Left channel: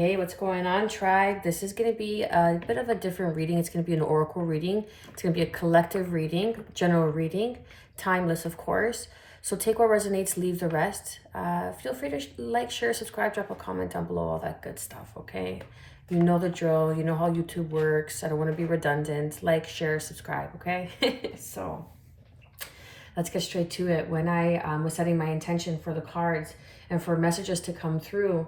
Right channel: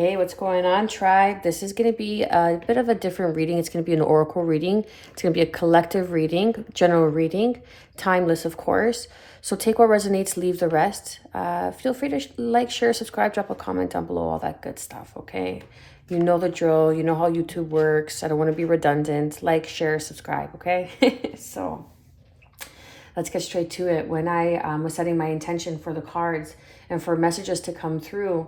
Hey, what's going on, tribe? This is going to be a bit of a different reading. It's going to be an oracle reading. It's going to be a collective reading, general reading, timeless, of course. So take what resonates, leave the rest. Feel free to like, share, subscribe, drop a comment down below, all that good stuff, okay? You know the drill. You know how YouTube works. I don't want to be redundant. Like, share, subscribe, okay? So let's get straight to it. When I was setting my intention for the cards and for messages to come through,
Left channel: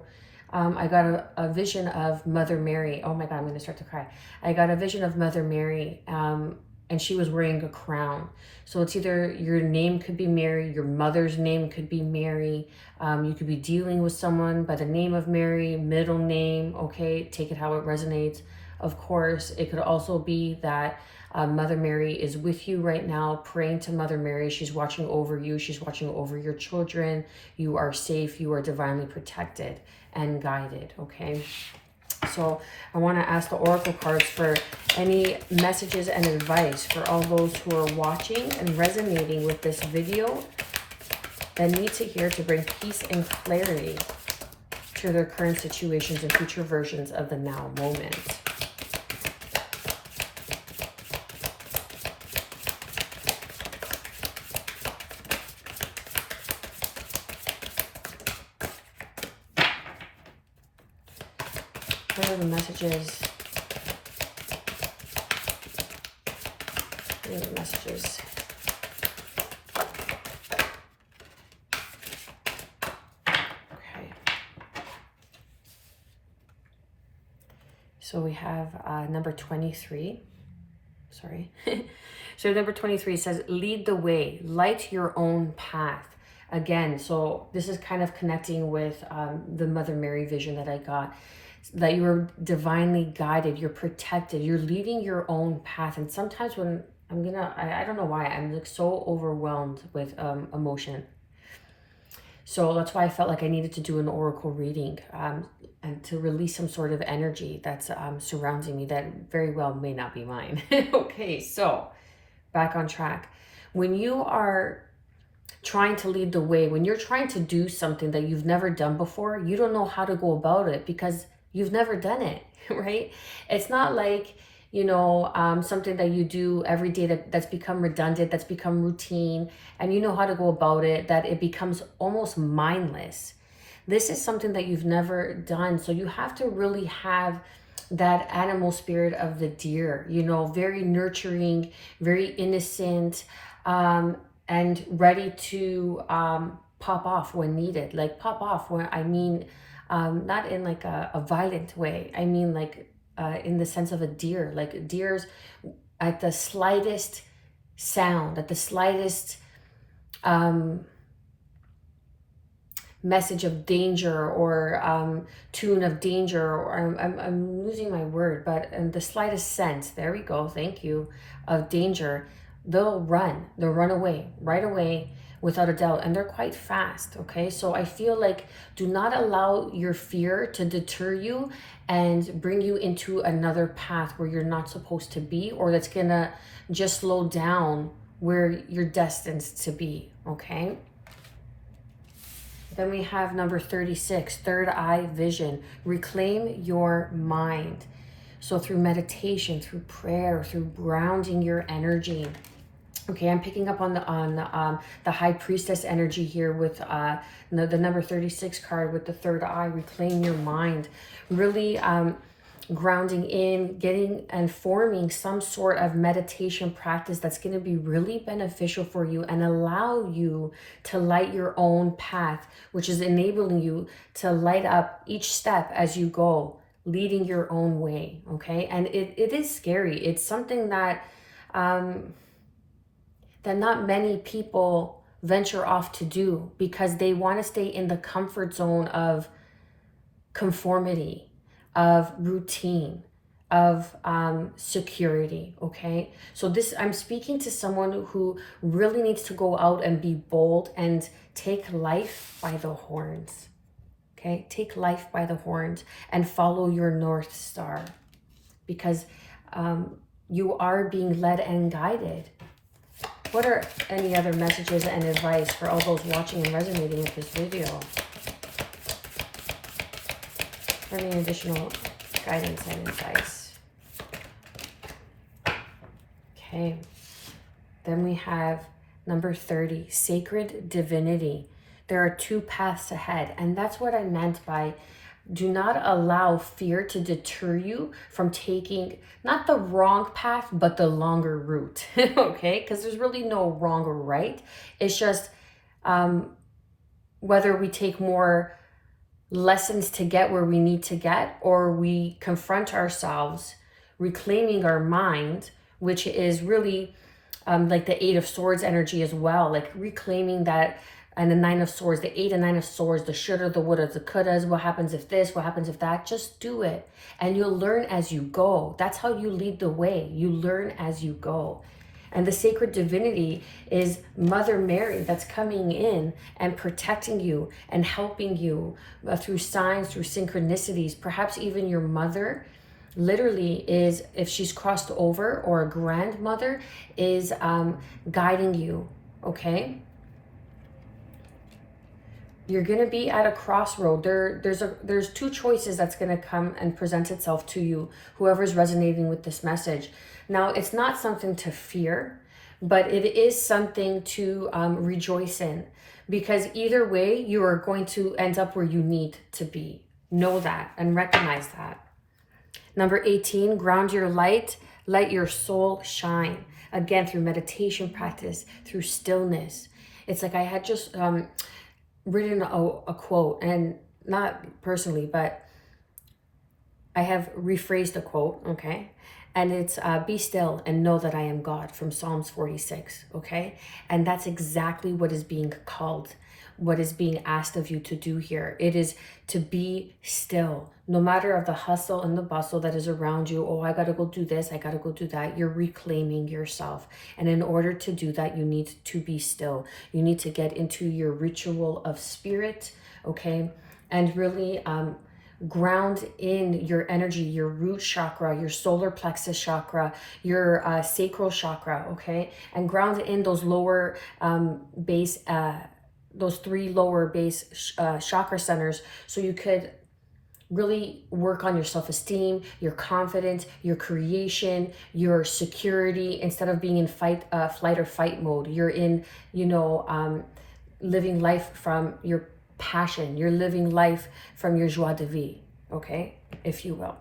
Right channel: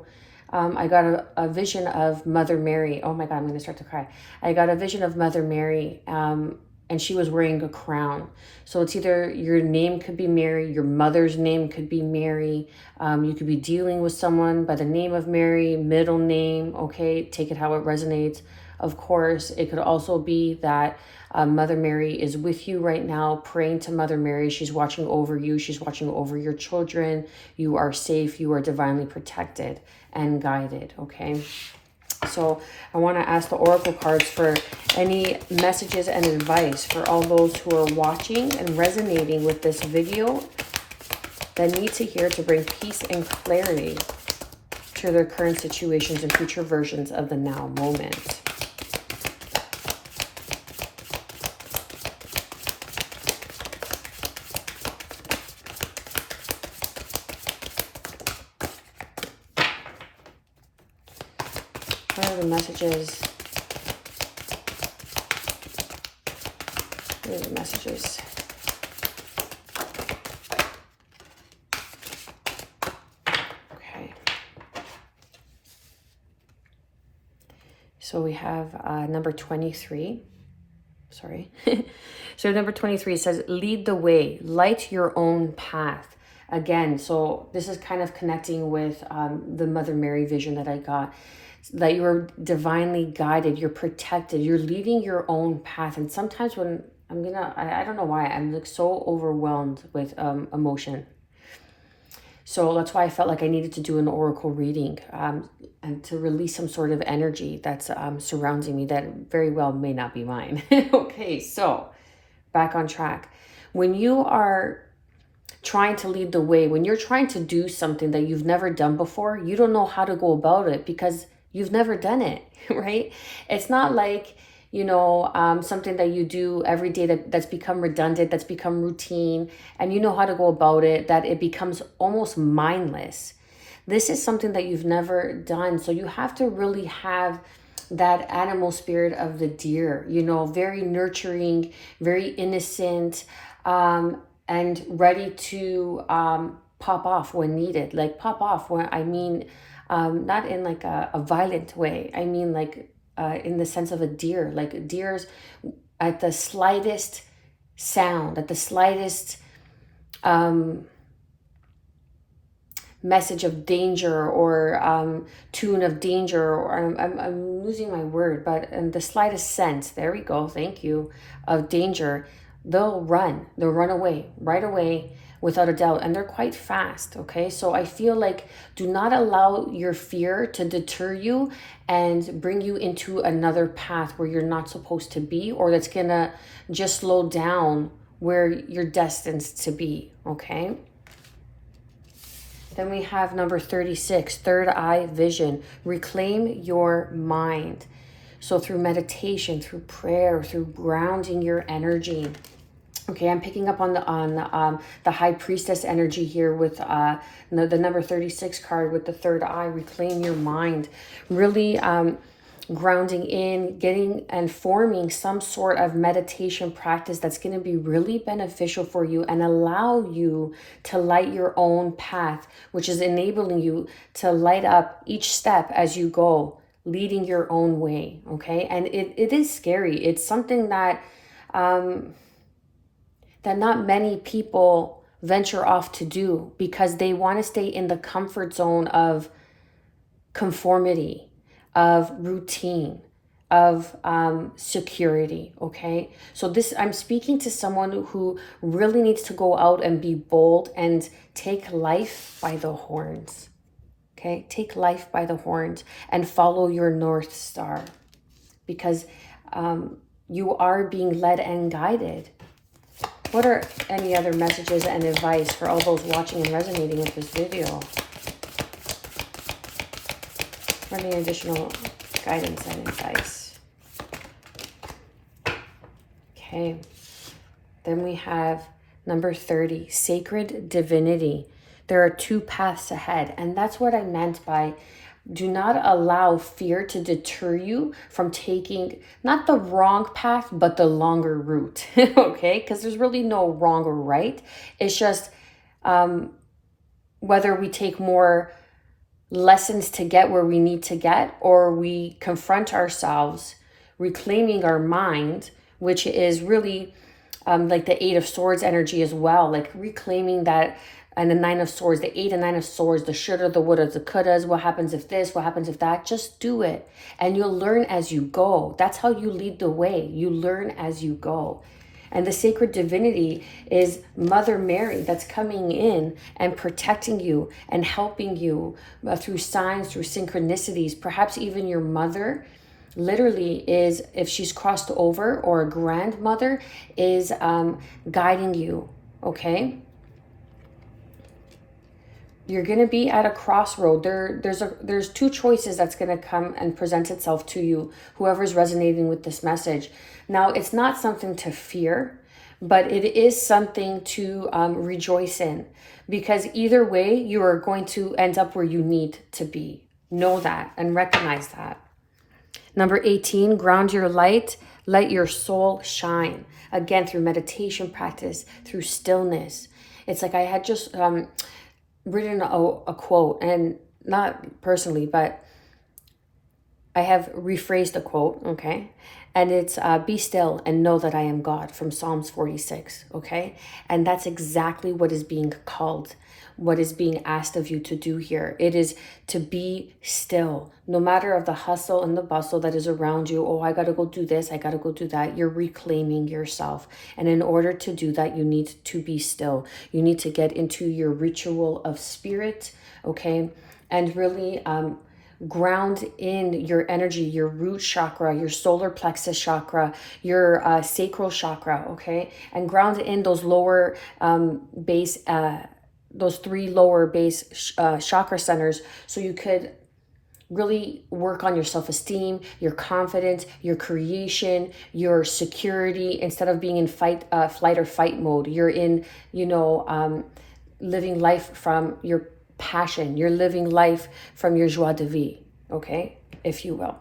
I got a vision of Mother Mary. Oh my God, I'm going to start to cry. I got a vision of Mother Mary, and she was wearing a crown. So it's either your name could be Mary, your mother's name could be Mary. You could be dealing with someone by the name of Mary, middle name, okay? Take it how it resonates. Of course, it could also be that Mother Mary is with you right now, praying to Mother Mary. She's watching over you. She's watching over your children. You are safe. You are divinely protected and guided, okay? So I want to ask the oracle cards for any messages and advice for all those who are watching and resonating with this video that need to hear to bring peace and clarity to their current situations and future versions of the now moment. What are the messages? What are the messages? Okay. So we have number 23. Sorry. So number 23 says, lead the way, light your own path. Again, so this is kind of connecting with the Mother Mary vision that I got. That you're divinely guided, you're protected, you're leading your own path. And sometimes when I don't know why, I'm like so overwhelmed with emotion. So that's why I felt like I needed to do an oracle reading and to release some sort of energy that's surrounding me that very well may not be mine. Okay, so back on track. When you are trying to lead the way, when you're trying to do something that you've never done before, you don't know how to go about it because you've never done it, right? It's not like, you know, something that you do every day that's become redundant, that's become routine, and you know how to go about it, that it becomes almost mindless. This is something that you've never done. So you have to really have that animal spirit of the deer, you know, very nurturing, very innocent, and ready to pop off when needed. Like pop off when I mean, not in like a violent way. I mean like in the sense of a deer. Like deers, at the slightest sound, at the slightest message of danger or tune of danger, or I'm losing my word, but the slightest sense, there we go, thank you, of danger, they'll run away right away without a doubt, and they're quite fast, okay? So I feel like do not allow your fear to deter you and bring you into another path where you're not supposed to be, or that's gonna just slow down where you're destined to be, okay? Then we have number 36, third eye vision. Reclaim your mind. So through meditation, through prayer, through grounding your energy. Okay, I'm picking up on the high priestess energy here with the number 36 card with the third eye. Reclaim your mind. Really grounding in, getting and forming some sort of meditation practice that's going to be really beneficial for you and allow you to light your own path, which is enabling you to light up each step as you go, leading your own way, okay? And it is scary. It's something that that not many people venture off to do because they want to stay in the comfort zone of conformity, of routine, of security, okay? So this, I'm speaking to someone who really needs to go out and be bold and take life by the horns, okay? Take life by the horns and follow your North Star, because you are being led and guided. What are any other messages and advice for all those watching and resonating with this video? for any additional guidance and advice. Okay. Then we have number 30, sacred divinity. There are two paths ahead. And that's what I meant by do not allow fear to deter you from taking not the wrong path, but the longer route. Okay? Because there's really no wrong or right. It's just whether we take more lessons to get where we need to get, or we confront ourselves, reclaiming our mind, which is really like the Eight of Swords energy as well, like reclaiming that, and the Nine of Swords, the Eight and Nine of Swords, the shoulda, the woulda, the couldas, what happens if this, what happens if that, just do it. And you'll learn as you go. That's how you lead the way. You learn as you go. And the sacred divinity is Mother Mary that's coming in and protecting you and helping you through signs, through synchronicities. Perhaps even your mother literally is, if she's crossed over, or a grandmother is guiding you, okay? You're going to be at a crossroad. There's two choices that's going to come and present itself to you, whoever's resonating with this message. Now, it's not something to fear, but it is something to rejoice in, because either way, you are going to end up where you need to be. Know that and recognize that. Number 18, ground your light, let your soul shine. Again, through meditation practice, through stillness. It's like I had just written a quote, and not personally, but I have rephrased a quote, okay? And it's be still and know that I am God, from Psalms 46, okay? And that's exactly what is being called, what is being asked of you to do here. It is to be still, no matter of the hustle and the bustle that is around you. Oh, I gotta go do this, I gotta go do that. You're reclaiming yourself. And in order to do that, you need to be still. You need to get into your ritual of spirit, okay? And really ground in your energy, your root chakra, your solar plexus chakra, your sacral chakra, okay? And ground in those lower base, those three lower base chakra centers, so you could really work on your self-esteem, your confidence, your creation, your security. Instead of being in flight or fight mode, you're in, living life from your passion. You're living life from your joie de vivre, okay, if you will.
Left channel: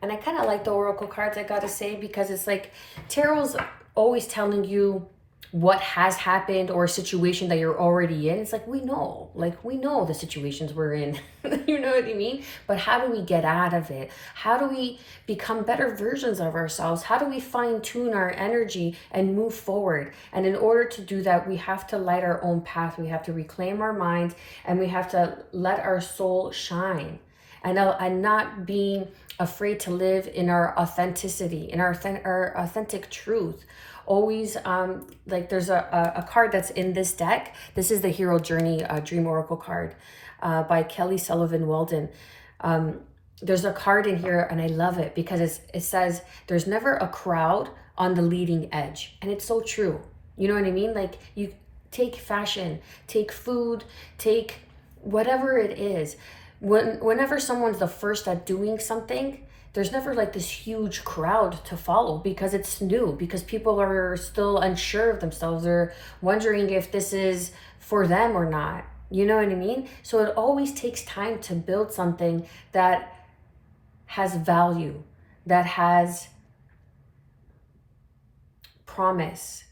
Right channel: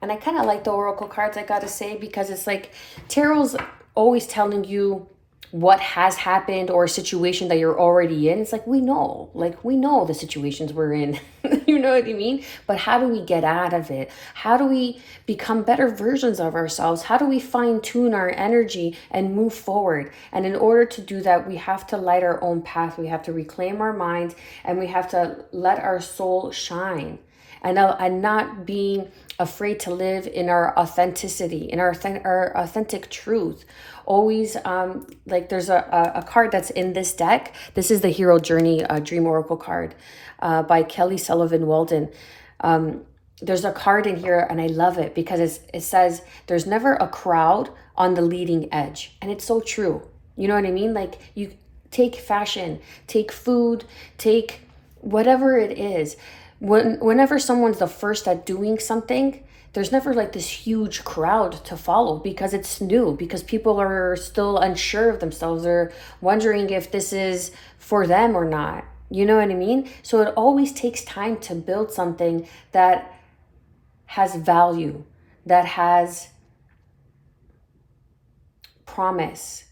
And I kind of like the oracle cards, I gotta say, because it's like tarot's always telling you what has happened, or a situation that you're already in. It's like we know the situations we're in. You know what I mean? But how do we get out of it? How do we become better versions of ourselves? How do we fine tune our energy and move forward? And in order to do that, we have to light our own path. We have to reclaim our mind, and we have to let our soul shine, and not being afraid to live in our authenticity, in our authentic truth. Always, like there's a card that's in this deck. This is the Hero Journey Dream Oracle card by Kelly Sullivan Walden. There's a card in here, and I love it because it says there's never a crowd on the leading edge. And it's so true. You know what I mean? Like, you take fashion, take food, take whatever it is. Whenever someone's the first at doing something, there's never like this huge crowd to follow, because it's new, because people are still unsure of themselves, or wondering if this is for them or not. You know what I mean? So it always takes time to build something that has value, that has promise.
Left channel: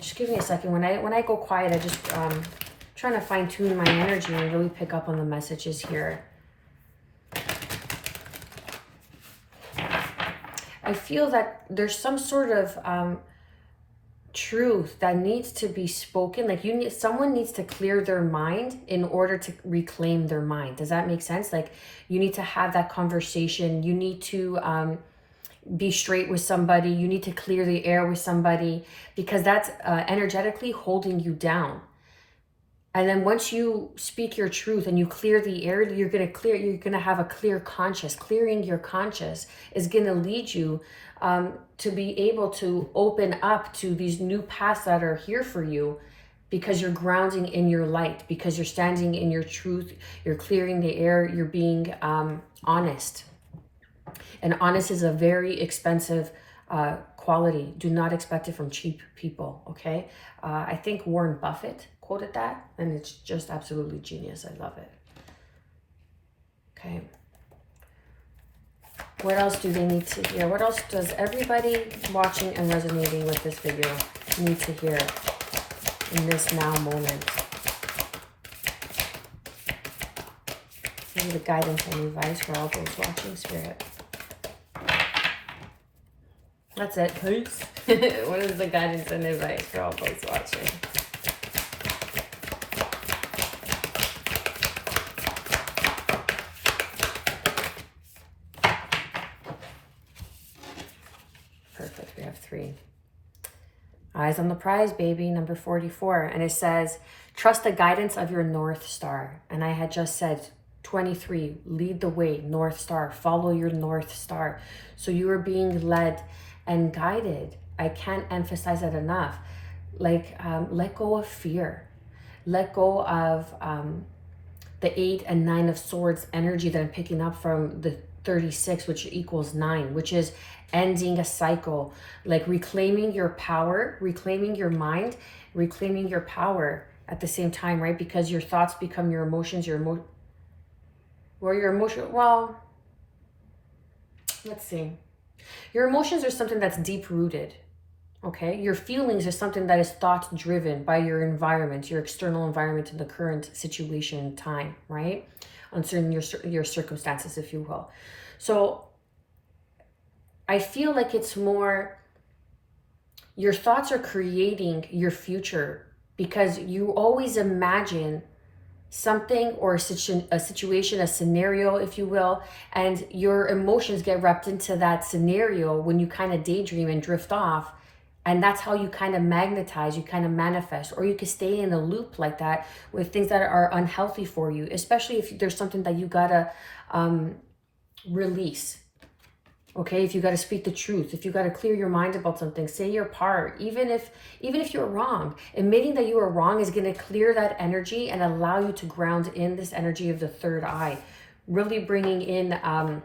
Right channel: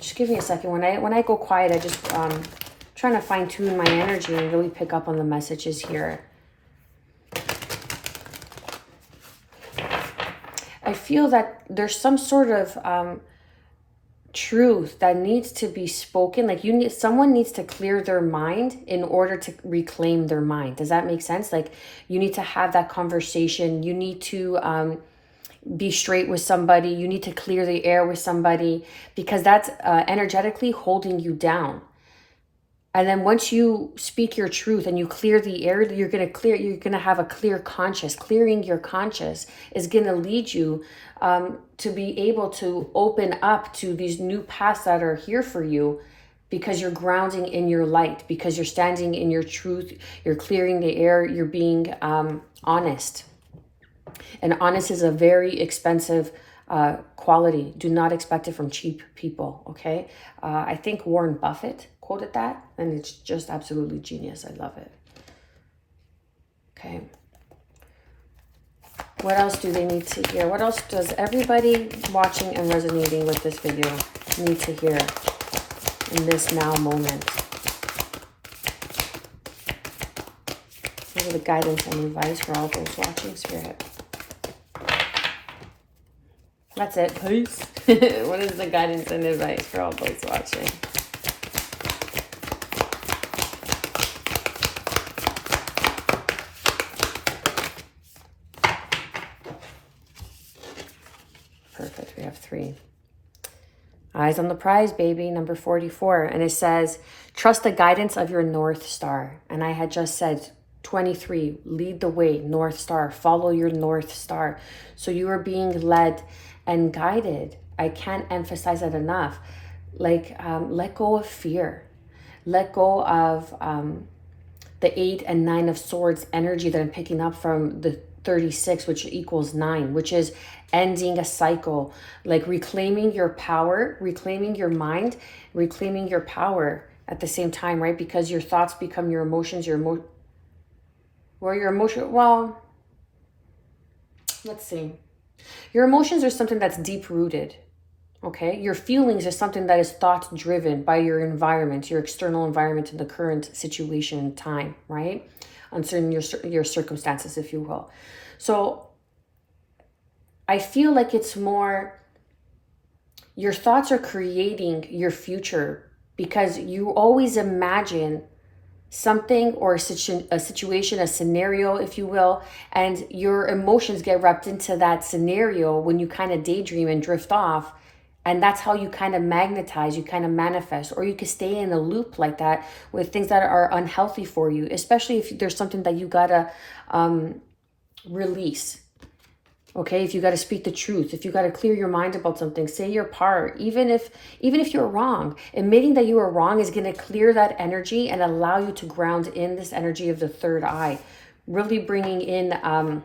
Just give me a second. When I go quiet, I just trying to fine tune my energy and really pick up on the messages here. I feel that there's some sort of truth that needs to be spoken. Like someone needs to clear their mind in order to reclaim their mind. Does that make sense? Like, you need to have that conversation. You need to be straight with somebody. You need to clear the air with somebody, because that's energetically holding you down. And then once you speak your truth and you clear the air, you're going to have a clear conscience. Clearing your conscience is going to lead you to be able to open up to these new paths that are here for you, because you're grounding in your light, because you're standing in your truth, you're clearing the air, you're being honest. And honest is a very expensive quality. Do not expect it from cheap people, okay? I think Warren Buffett quoted that, and it's just absolutely genius. I love it. Okay. What else do they need to hear? What else does everybody watching and resonating with this video need to hear in this now moment? What are the guidance and advice for all those watching, Spirit? That's it, please. What is the guidance and advice for all those watching? Perfect. We have 3. Eyes on the prize, baby, number 44. And it says, trust the guidance of your North Star. And I had just said 23, lead the way, North Star. Follow your North Star. So you are being led and guided. I can't emphasize it enough. Like, let go of fear. Let go of the 8 and 9 of Swords energy that I'm picking up from the 36, which equals 9, which is ending a cycle, like reclaiming your power, reclaiming your mind, reclaiming your power at the same time, right? Because your thoughts become your emotions, well, let's see. Your emotions are something that's deep rooted, okay? Your feelings are something that is thought driven by your environment, your external environment in the current situation and time, right? Uncertain your circumstances, if you will. So I feel like it's more, your thoughts are creating your future, because you always imagine something or a situation, a scenario, if you will, and your emotions get wrapped into that scenario when you kind of daydream and drift off. And that's how you kind of magnetize, you kind of manifest, or you can stay in a loop like that with things that are unhealthy for you, especially if there's something that you gotta release. Okay, if you got to speak the truth, if you got to clear your mind about something, say your part, even if you're wrong. Admitting that you are wrong is going to clear that energy and allow you to ground in this energy of the third eye, really bringing in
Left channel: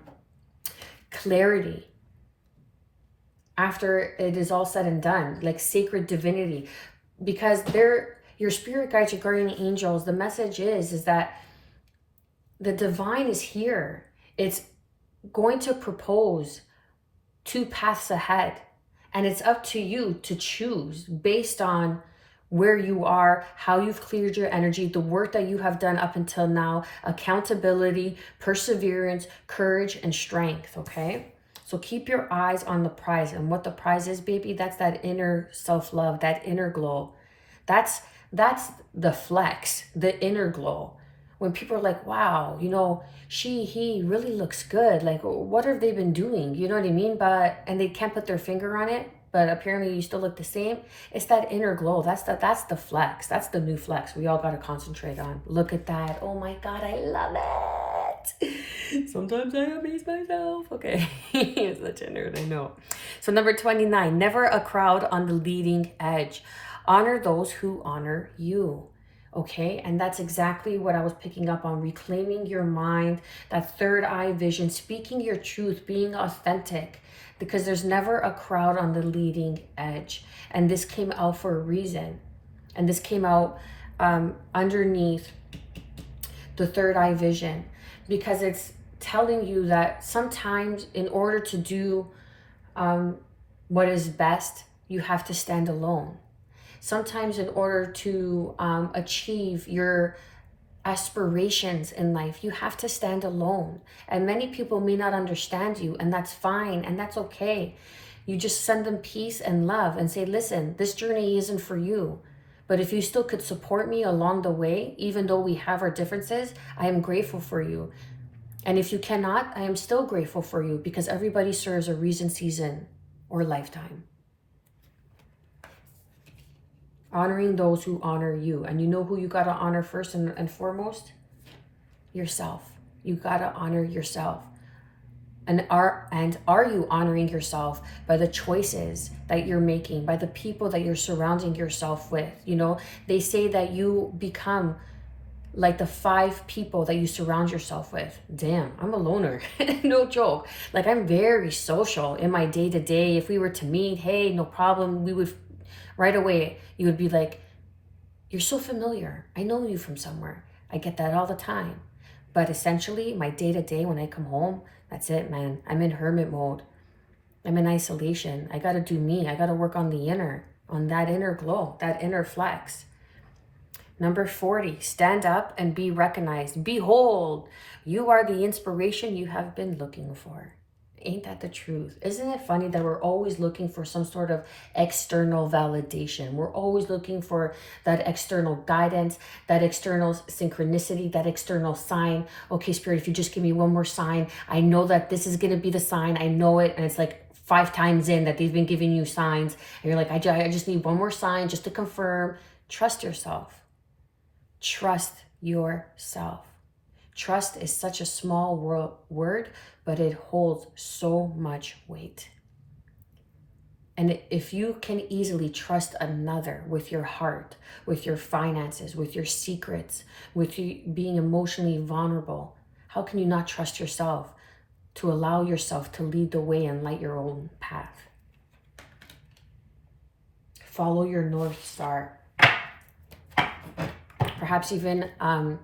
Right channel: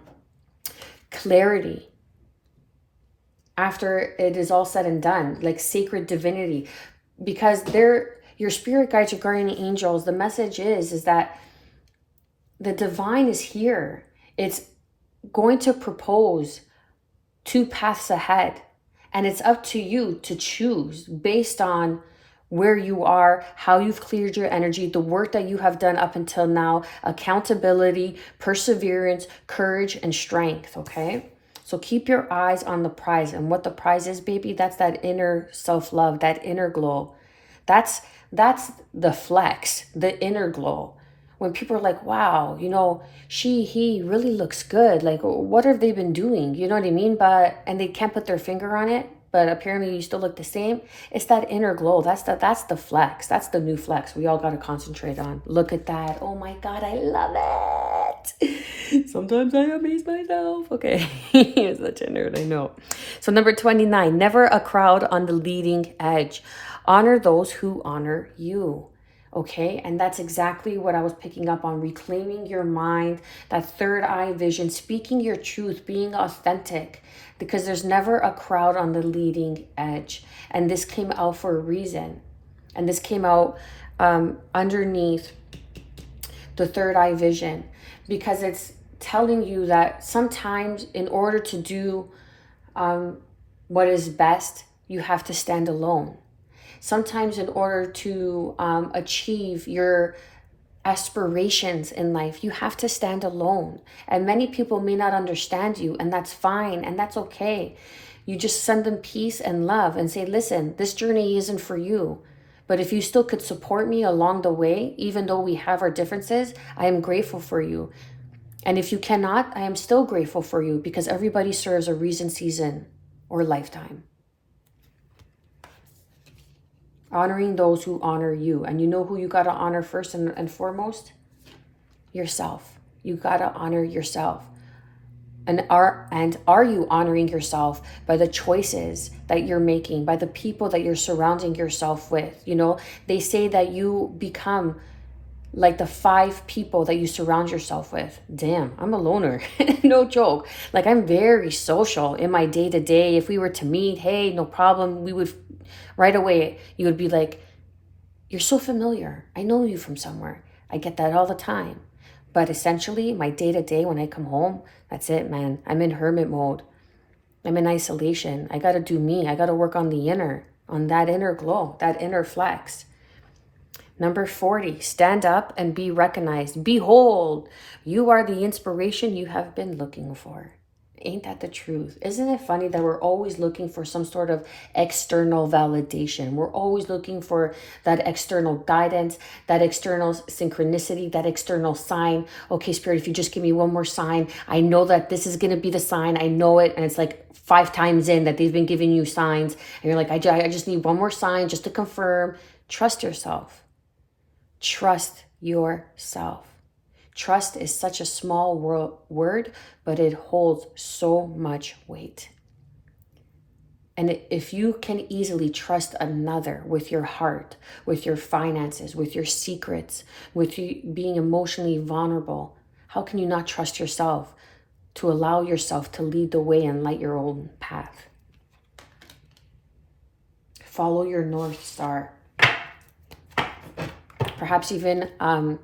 clarity after it is all said and done, like sacred divinity, because your spirit guides, your guardian angels. The message is that the divine is here. It's going to propose 2 paths ahead, and it's up to you to choose based on where you are, how you've cleared your energy, the work that you have done up until now, accountability, perseverance, courage, and strength. Okay, so keep your eyes on the prize. And what the prize is, baby, that's that inner self-love, that inner glow. That's the flex, the inner glow. When people are like, wow, you know, he really looks good. Like, what have they been doing? You know what I mean? And they can't put their finger on it, but apparently you still look the same. It's that inner glow. That's the flex. That's the new flex we all got to concentrate on. Look at that. Oh my God, I love it. Sometimes I amaze myself. Okay, you're such a nerd, I know. So number 29, never a crowd on the leading edge. Honor those who honor you. Okay, and that's exactly what I was picking up on. Reclaiming your mind, that third eye vision, speaking your truth, being authentic, because there's never a crowd on the leading edge. And this came out for a reason. And this came out underneath the third eye vision, because it's telling you that sometimes in order to do what is best, you have to stand alone. Sometimes in order to achieve your aspirations in life, you have to stand alone. And many people may not understand you, and that's fine, and that's okay. You just send them peace and love and say, listen, this journey isn't for you. But if you still could support me along the way, even though we have our differences, I am grateful for you. And if you cannot, I am still grateful for you, because everybody serves a reason, season, or lifetime. Honoring those who honor you. And you know who you got to honor first and foremost? Yourself. You got to honor yourself. And are you honoring yourself by the choices that you're making, by the people that you're surrounding yourself with? You know, they say that you become like the 5 people that you surround yourself with. Damn, I'm a loner. No joke. Like, I'm very social in my day-to-day. If we were to meet, hey, no problem, we would right away, you would be like, you're so familiar. I know you from somewhere. I get that all the time. But essentially, my day-to-day, when I come home, that's it, man. I'm in hermit mode. I'm in isolation. I got to do me. I got to work on that inner glow, that inner flex. Number 40, stand up and be recognized. Behold, you are the inspiration you have been looking for. Ain't that the truth? Isn't it funny that we're always looking for some sort of external validation? We're always looking for that external guidance, that external synchronicity, that external sign. Okay, Spirit, if you just give me one more sign, I know that this is going to be the sign. I know it. And it's like 5 times in that they've been giving you signs. And you're like, I just need one more sign just to confirm. Trust yourself. Trust yourself. Trust is such a small word, but it holds so much weight. And if you can easily trust another with your heart, with your finances, with your secrets, with you being emotionally vulnerable, how can you not trust yourself to allow yourself to lead the way and light your own path? Follow your North Star. Perhaps even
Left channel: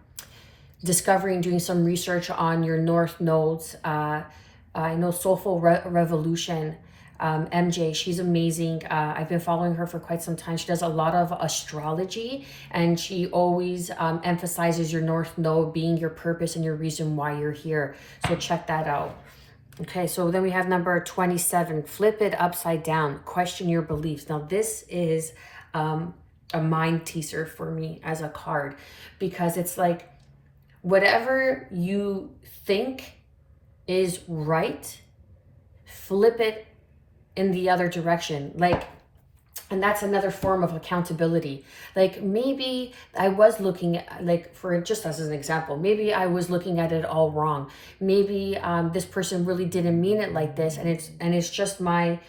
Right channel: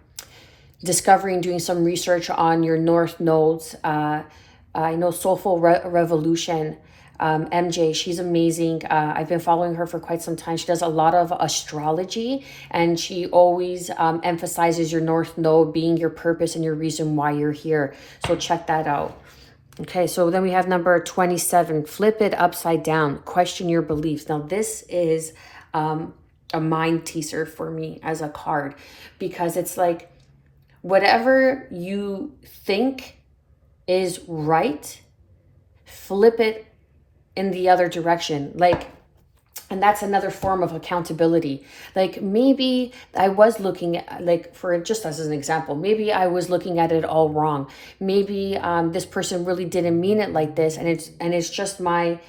discovering, doing some research on your North nodes. I know Soulful Revolution, MJ, she's amazing. I've been following her for quite some time. She does a lot of astrology, and she always emphasizes your North node being your purpose and your reason why you're here. So check that out. Okay, so then we have number 27, flip it upside down, question your beliefs. Now this is a mind teaser for me as a card, because it's like, whatever you think is right, flip it in the other direction. Like, and that's another form of accountability. Like, maybe I was looking at, like, for just as an example, maybe I was looking at it all wrong. Maybe this person really didn't mean it like this, and it's just my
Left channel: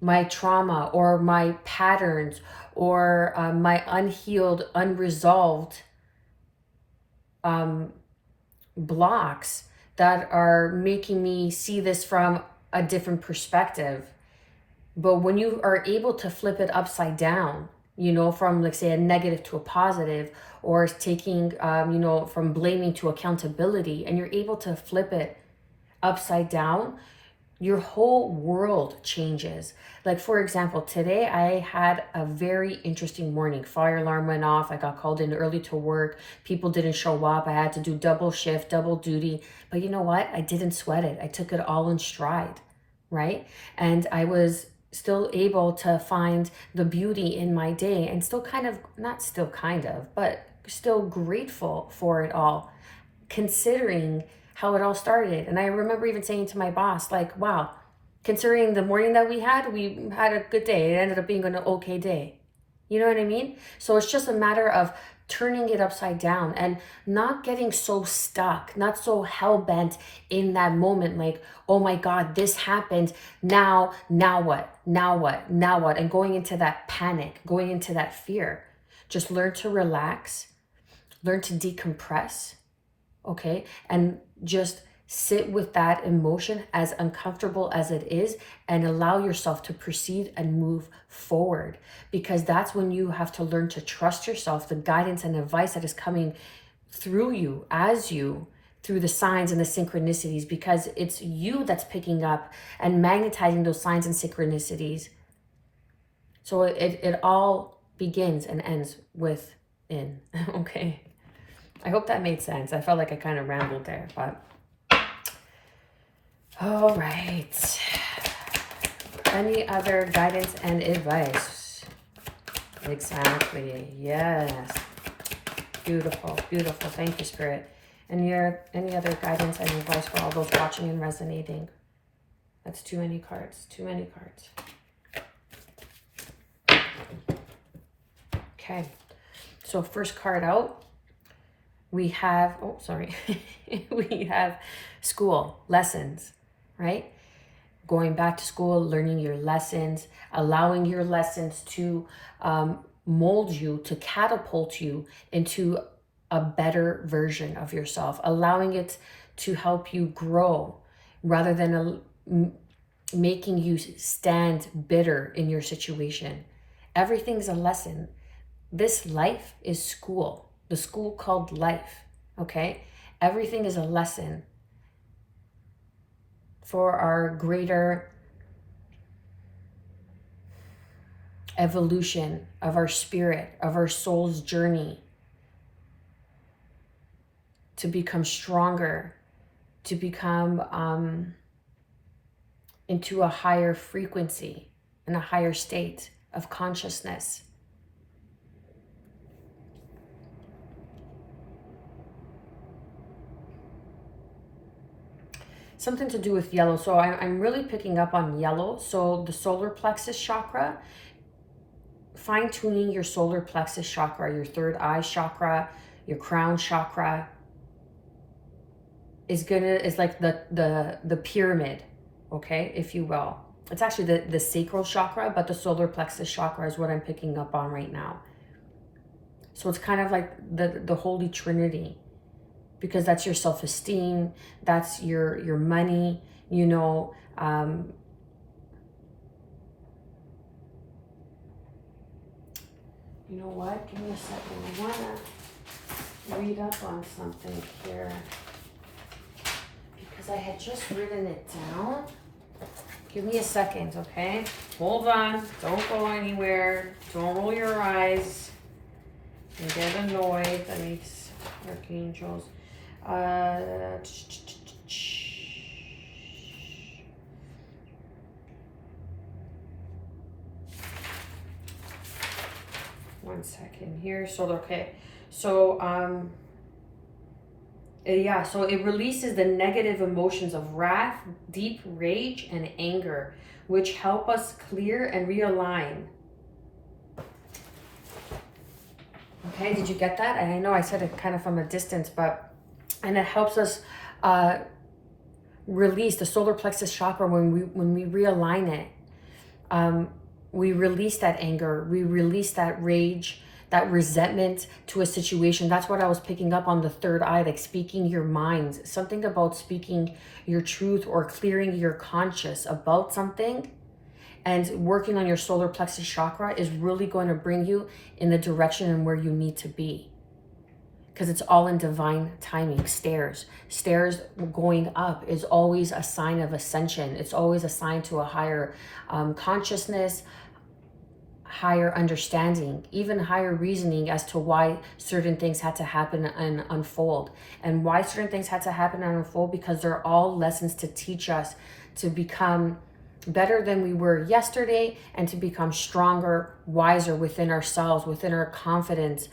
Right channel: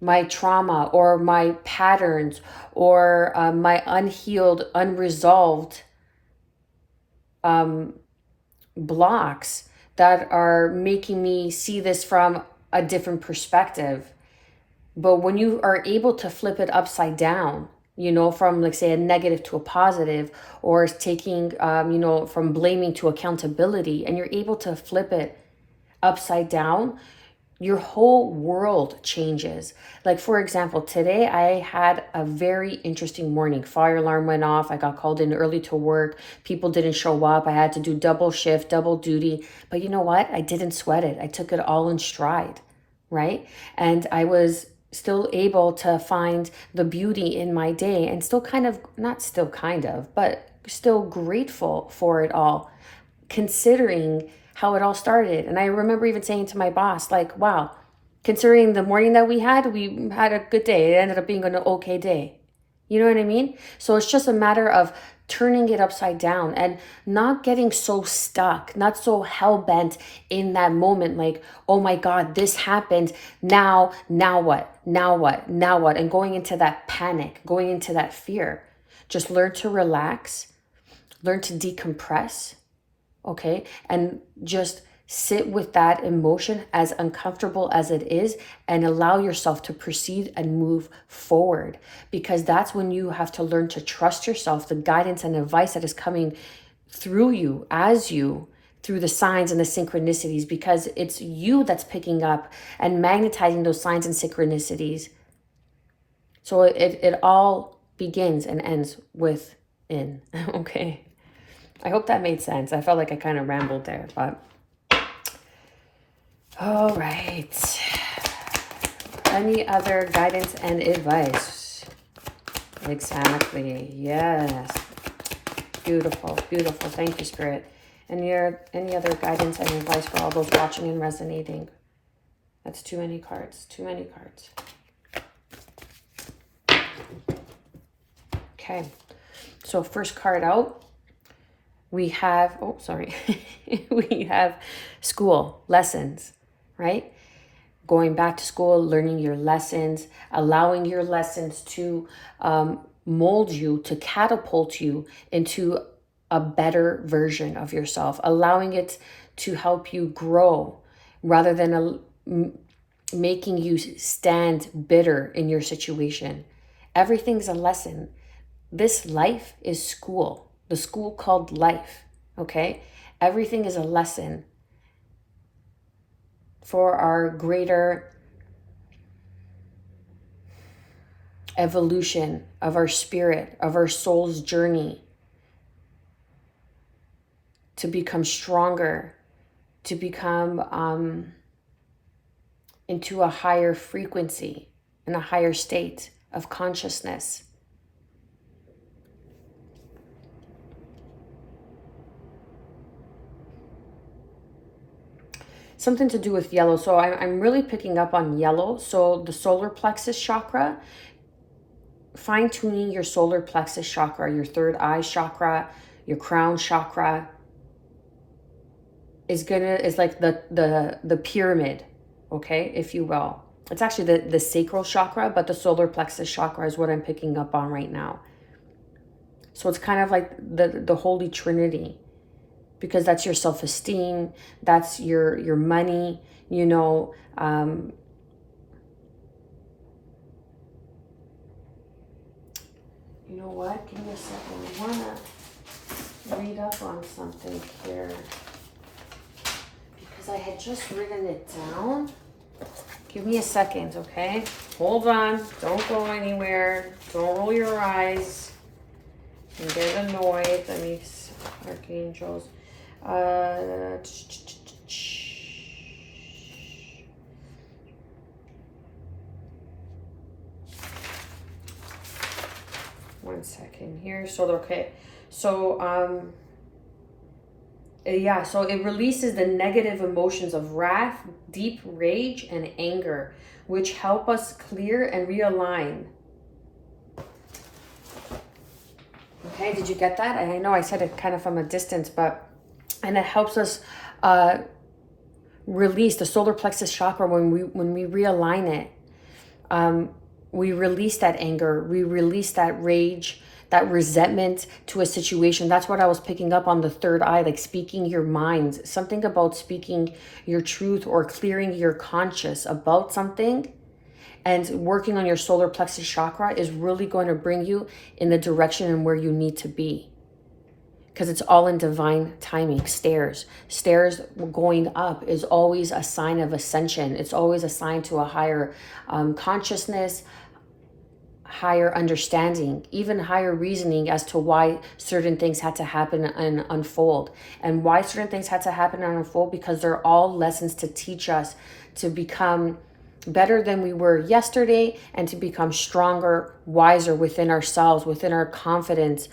my trauma or my patterns or my unhealed, unresolved blocks that are making me see this from a different perspective. But when you are able to flip it upside down, you know, from, like, say, a negative to a positive, or taking, you know, from blaming to accountability, and you're able to flip it upside down, your whole world changes. Like, for example, today I had a very interesting morning. Fire alarm went off. I got called in early to work. People didn't show up. I had to do double shift, double duty. But you know what? I didn't sweat it. I took it all in stride, right? And I was still able to find the beauty in my day, and still kind of, not still kind of, but still grateful for it all, considering how it all started. And I remember even saying to my boss, like, wow, considering the morning that we had a good day. It ended up being an okay day. You know what I mean? So it's just a matter of turning it upside down and not getting so stuck, not so hell-bent in that moment, like, oh my God, this happened. Now what? And going into that panic, going into that fear. Just learn to relax, learn to decompress, okay? And just sit with that emotion, as uncomfortable as it is, and allow yourself to proceed and move forward, because that's when you have to learn to trust yourself, the guidance and advice that is coming through you, as you, through the signs and the synchronicities, because it's you that's picking up and magnetizing those signs and synchronicities. So it all begins and ends within. Okay, I hope that made sense. I felt like I kind of rambled there, but all right. Any other guidance and advice? Exactly. Yes. Beautiful, beautiful. Thank you, Spirit. And any other guidance and advice for all those watching and resonating? That's too many cards. Too many cards. Okay. So first card out, we have, we have school, lessons, right? Going back to school, learning your lessons, allowing your lessons to mold you, to catapult you into a better version of yourself, allowing it to help you grow rather than making you stand bitter in your situation. Everything's a lesson. This life is school, the school called life, okay? Everything is a lesson for our greater evolution of our spirit, of our soul's journey to become stronger, to become into a higher frequency, in a higher state of consciousness. Something to do with yellow. So I'm really picking up on yellow. So the solar plexus chakra, fine-tuning your solar plexus chakra, your third eye chakra, your crown chakra is like the pyramid, okay, if you will. It's actually the sacral chakra, but the solar plexus chakra is what I'm picking up on right now. So it's kind of like the Holy Trinity, because that's your self-esteem, that's your money, you know. You know what? Give me a second. I want to read up on something here, because I had just written it down. Give me a second, okay? Hold on. Don't go anywhere. Don't roll your eyes and get annoyed. Let me, Archangels. One second here. So, okay. So, yeah, so it releases the negative emotions of wrath, deep rage, and anger, which help us clear and realign. Okay, did you get that? I know I said it kind of from a distance, and it helps us release the solar plexus chakra when we realign it. We release that anger, we release that rage, that resentment to a situation. That's what I was picking up on the third eye, like speaking your mind, something about speaking your truth or clearing your conscience about something. And working on your solar plexus chakra is really going to bring you in the direction and where you need to be. Because it's all in divine timing. Stairs going up is always a sign of ascension. It's always a sign to a higher consciousness, higher understanding, even higher reasoning as to why certain things had to happen and unfold. And why certain things had to happen and unfold, because they're all lessons to teach us to become better than we were yesterday, and to become stronger, wiser within ourselves, within our confidence,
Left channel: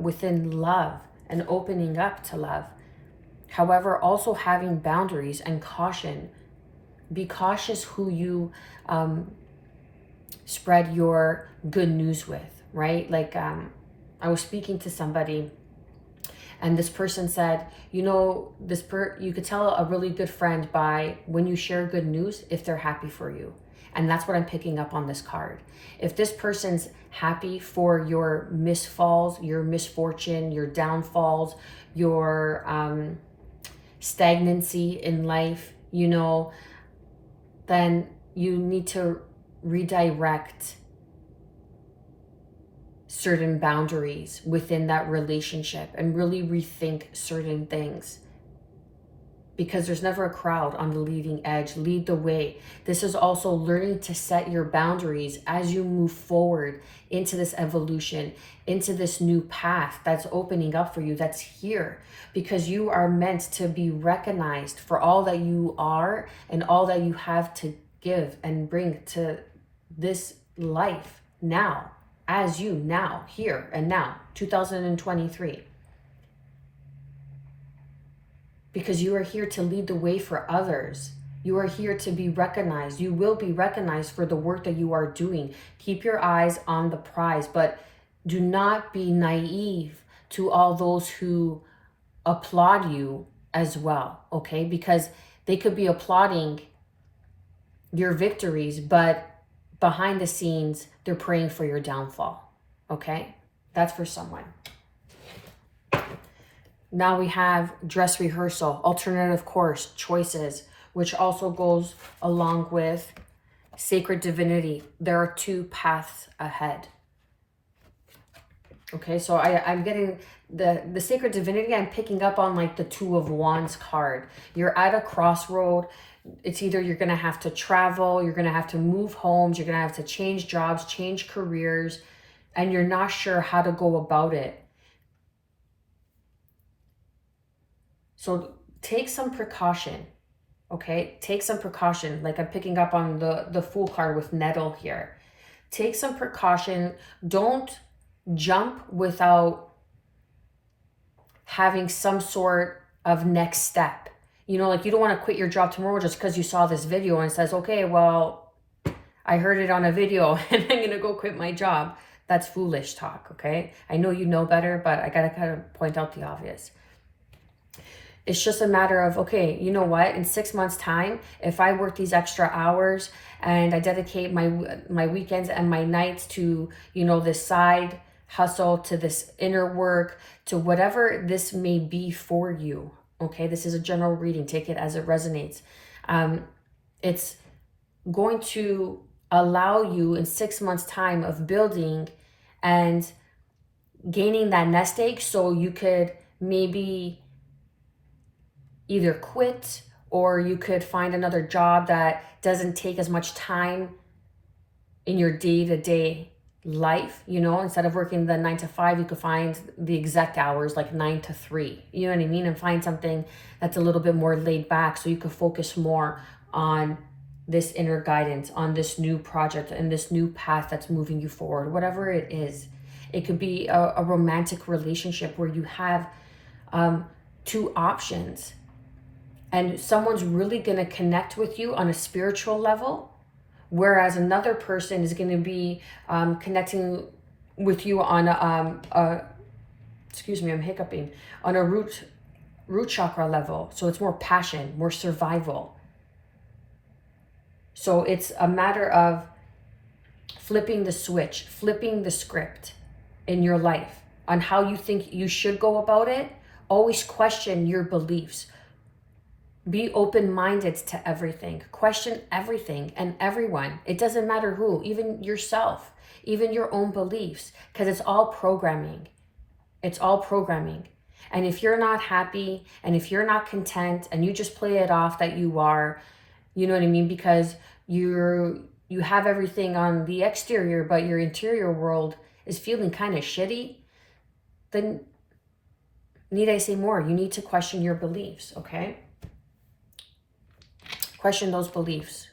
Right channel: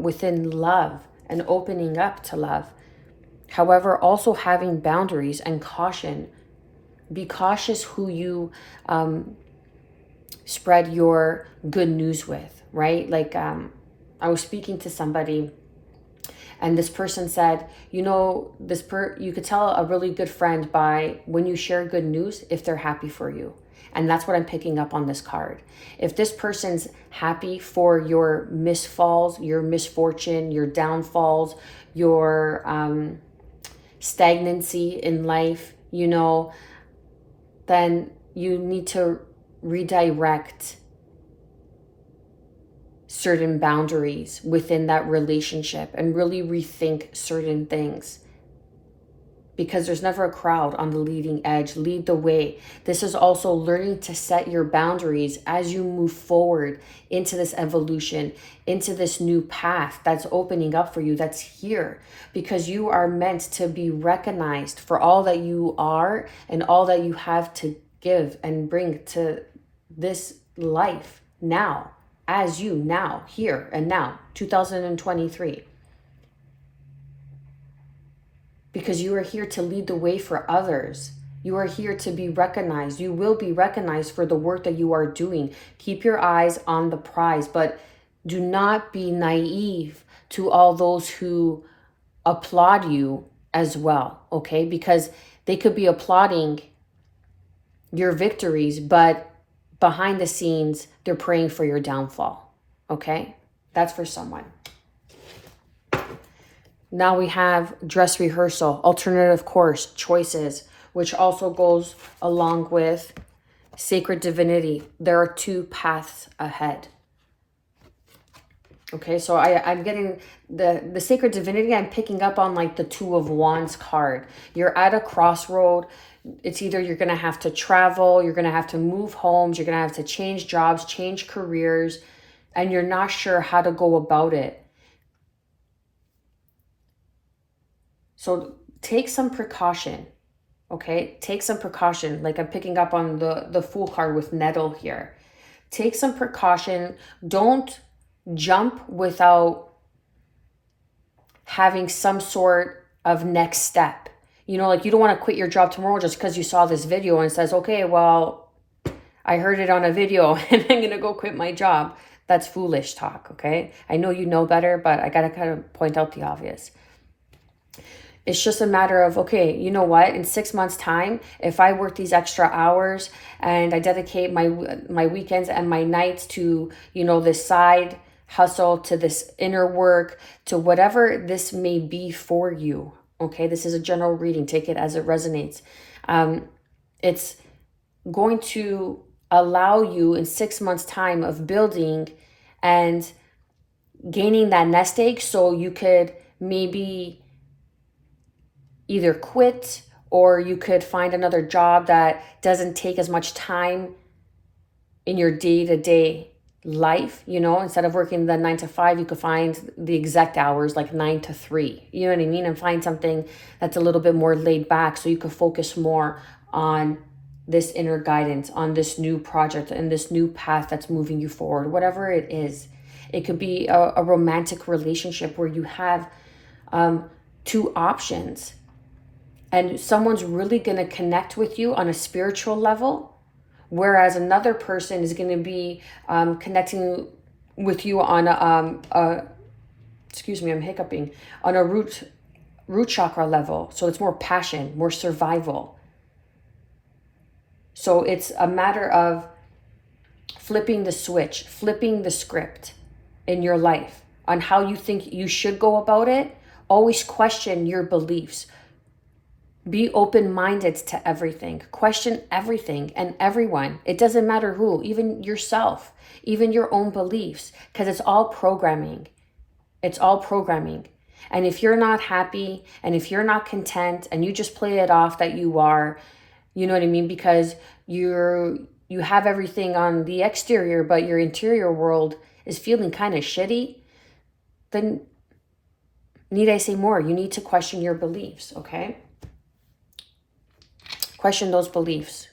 within love and opening up to love. However, also having boundaries and caution. Be cautious who you spread your good news with, right? Like I was speaking to somebody, and this person said, you know, you could tell a really good friend by when you share good news if they're happy for you. And that's what I'm picking up on this card. If this person's happy for your misfalls, your misfortune, your downfalls, your stagnancy in life, you know, then you need to redirect certain boundaries within that relationship and really rethink certain things, because there's never a crowd on the leading edge. Lead the way. This is also learning to set your boundaries as you move forward into this evolution, into this new path that's opening up for you, that's here, because you are meant to be recognized for all that you are and all that you have to give and bring to this life now, as you now, here and now, 2023. Because you are here to lead the way for others. You are here to be recognized. You will be recognized for the work that you are doing. Keep your eyes on the prize, but Do not be naive to all those who applaud you as well, okay? Because they could be applauding your victories, but behind the scenes, they're praying for your downfall, okay? That's for someone. Now we have dress rehearsal, alternative course, choices, which also goes along with sacred divinity. There are two paths ahead. Okay, so I'm getting the sacred divinity. I'm picking up on like the Two of Wands card. You're at a crossroad. It's either you're going to have to travel, you're going to have to move homes, you're going to have to change jobs, change careers, and you're not sure how to go about it. So take some precaution, okay? Take some precaution. Like I'm picking up on the Fool card with nettle here. Take some precaution. Don't jump without having some sort of next step. You know, like you don't want to quit your job tomorrow just because you saw this video and it says, okay, well, I heard it on a video and I'm going to go quit my job. That's foolish talk, okay? I know you know better, but I got to kind of point out the obvious. It's just a matter of, okay, you know what? In 6 months' time, if I work these extra hours and I dedicate my weekends and my nights to, you know, this side hustle, to this inner work, to whatever this may be for you, okay? This is a general reading. Take it as it resonates. It's going to allow you in 6 months' time of building and gaining that nest egg so you could maybe either quit or you could find another job that doesn't take as much time in your day-to-day life. You know, instead of working the 9 to 5, you could find the exact hours like 9 to 3. You know what I mean? And find something that's a little bit more laid back so you could focus more on this inner guidance, on this new project and this new path that's moving you forward, whatever it is. It could be a romantic relationship where you have two options. And someone's really going to connect with you on a spiritual level, whereas another person is going to be connecting with you on excuse me, I'm hiccuping, on a root chakra level. So it's more passion, more survival. So it's a matter of flipping the switch, flipping the script in your life on how you think you should go about it. Always question your beliefs. Be open-minded to everything. Question everything and everyone. It doesn't matter who, even yourself, even your own beliefs, because it's all programming. It's all programming. And if you're not happy and if you're not content and you just play it off that you are, you know what I mean, because you have everything on the exterior, but your interior world is feeling kind of shitty, then need I say more? You need to question your beliefs, okay? Question those beliefs.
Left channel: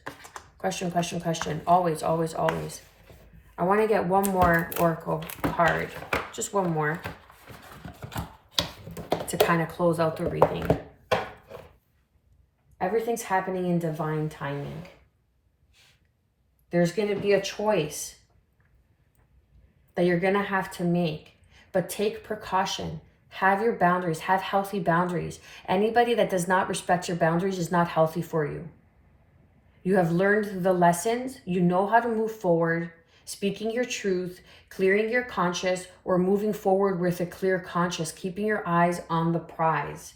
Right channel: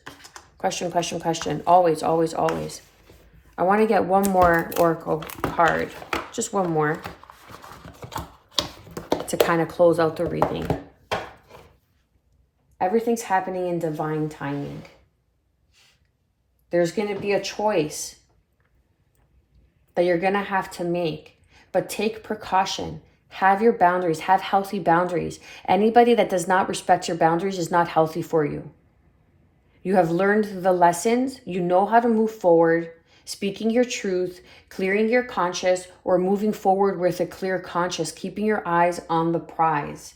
Question, question, question. Always, always, always. I want to get one more oracle card. Just one more. To kind of close out the reading. Everything's happening in divine timing. There's going to be a choice that you're going to have to make. But take precaution. Have your boundaries. Have healthy boundaries. Anybody that does not respect your boundaries is not healthy for you. You have learned the lessons. You know how to move forward, speaking your truth, clearing your conscience, or moving forward with a clear conscience, keeping your eyes on the prize.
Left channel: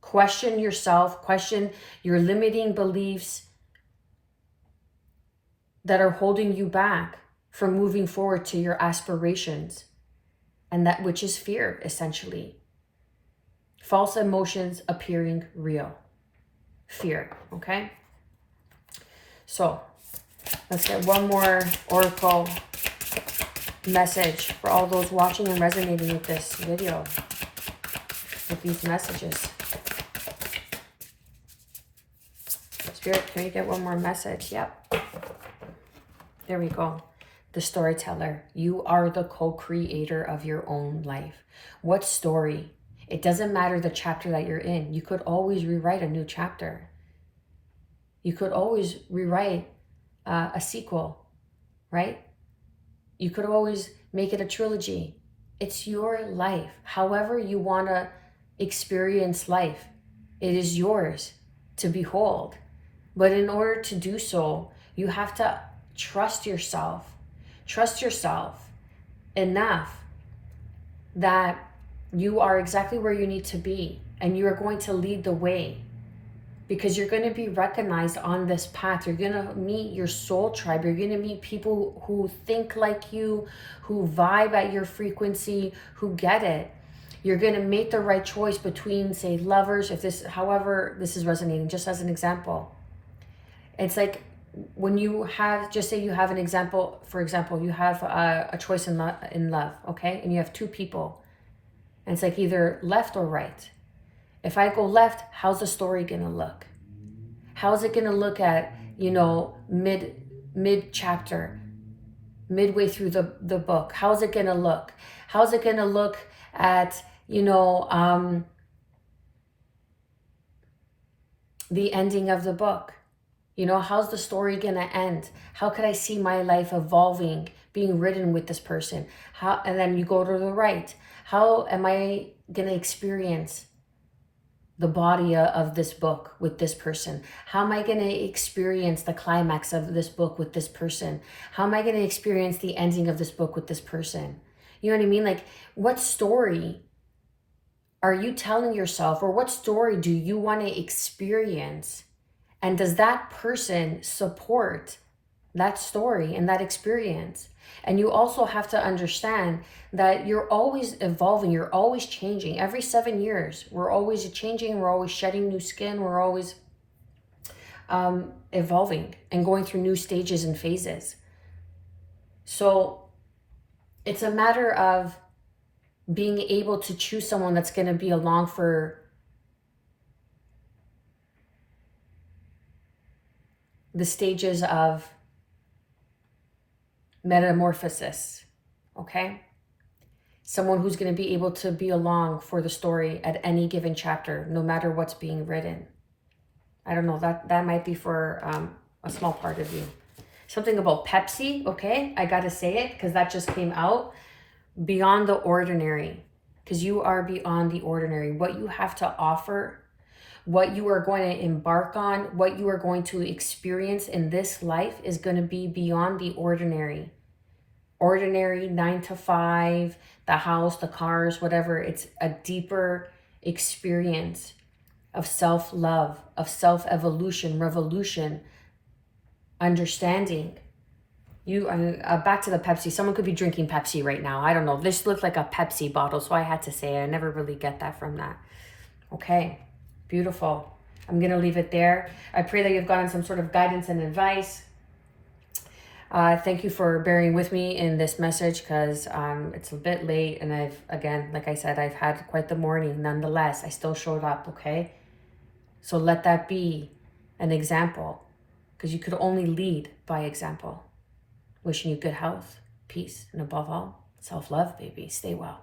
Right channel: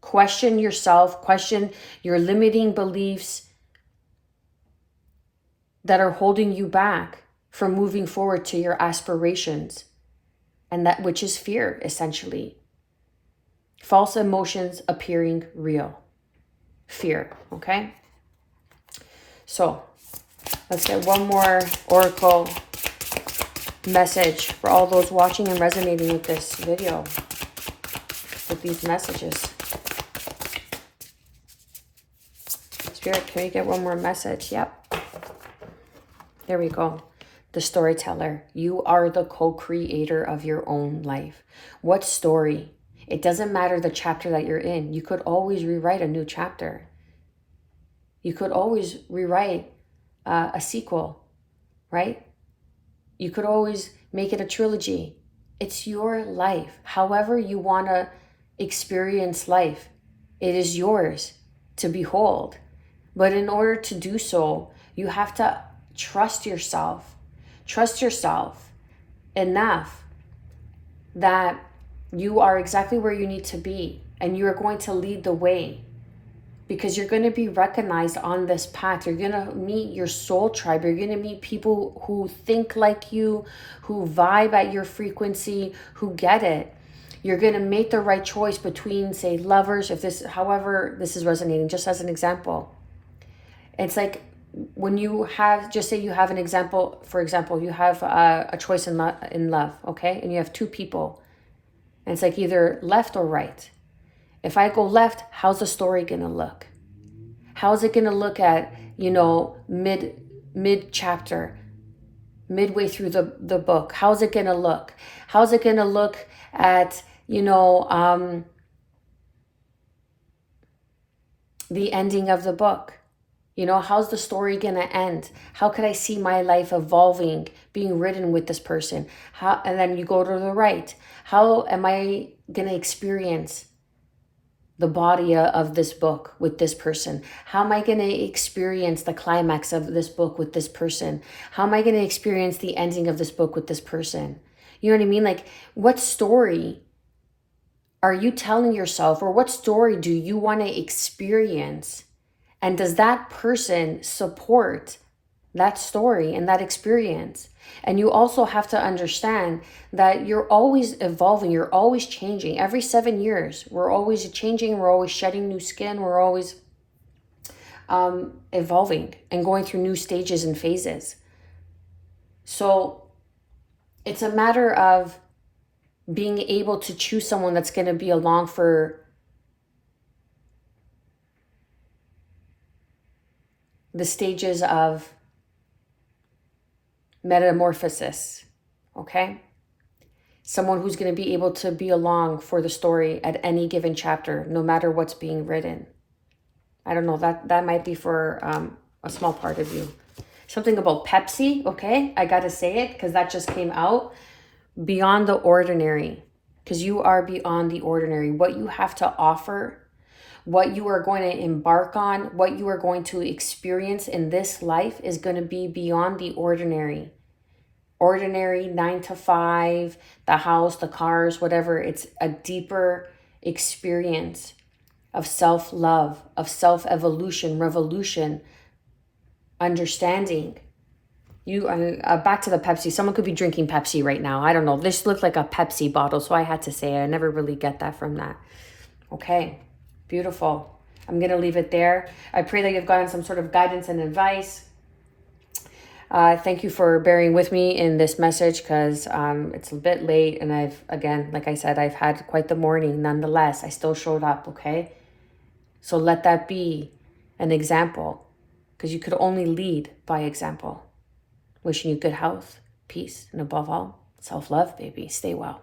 Question yourself, question your limiting beliefs that are holding you back from moving forward to your aspirations, and that which is fear, essentially. False emotions appearing real. Fear, okay? So, let's get one more oracle message for all those watching and resonating with this video, with these messages. Spirit, can we get one more message? Yep. There we go. The storyteller. You are the co-creator of your own life. What story? It doesn't matter the chapter that you're in. You could always rewrite a new chapter. You could always rewrite a sequel, right? You could always Make it a trilogy. It's your life. However you want to experience life, it is yours to behold. But in order to do so, you have to trust yourself. Trust yourself enough that you are exactly where you need to be, and you are going to lead the way, because you're going to be recognized on this path. You're going to meet your soul tribe. You're going to meet people who think like you, who vibe at your frequency, who get it. You're going to make the right choice between, say, lovers, if this, however this is resonating, just as an example. It's like when you have, just say you have an example, for example, you have a choice in love, okay? And you have two people. And it's like either left or right. If I go left, how's the story gonna look? How's it gonna look at, mid chapter, midway through the book? How's it gonna look? How's it gonna look at, the ending of the book? How's the story gonna end? How could I see my life evolving, being written with this person? And then you go to the right. How am I gonna experience the body of this book with this person? How am I going to experience the climax of this book with this person? How am I going to experience the ending of this book with this person? You know what I mean? Like, what story are you telling yourself, or what story do you want to experience? And does that person support that story and that experience? And you also have to understand that you're always evolving, you're always changing. Every 7 years, we're always changing, we're always shedding new skin, we're always evolving and going through new stages and phases. So it's a matter of being able to choose someone that's going to be along for the stages of metamorphosis, okay? Someone who's going to be able to be along for the story at any given chapter, no matter what's being written. I don't know, that might be for a small part of you. Something about Pepsi, okay? I got to say it because that just came out. Beyond the ordinary, because you are beyond the ordinary. What you have to offer, what you are going to embark on, what you are going to experience in this life is going to be beyond the ordinary. Ordinary 9 to 5, the house, the cars, whatever. It's a deeper experience of self-love, of self-evolution, revolution, understanding. Back to the Pepsi. Someone could be drinking Pepsi right now. I don't know. This looked like a Pepsi bottle, so I had to say it. I never really get that from that. Okay, beautiful. I'm going to leave it there. I pray that you've gotten some sort of guidance and advice. Thank you for bearing with me in this message because it's a bit late, and like I said, I've had quite the morning. Nonetheless, I still showed up, okay? So let that be an example, because you could only lead by example. Wishing you good health, peace, and above all, self-love, baby. Stay well.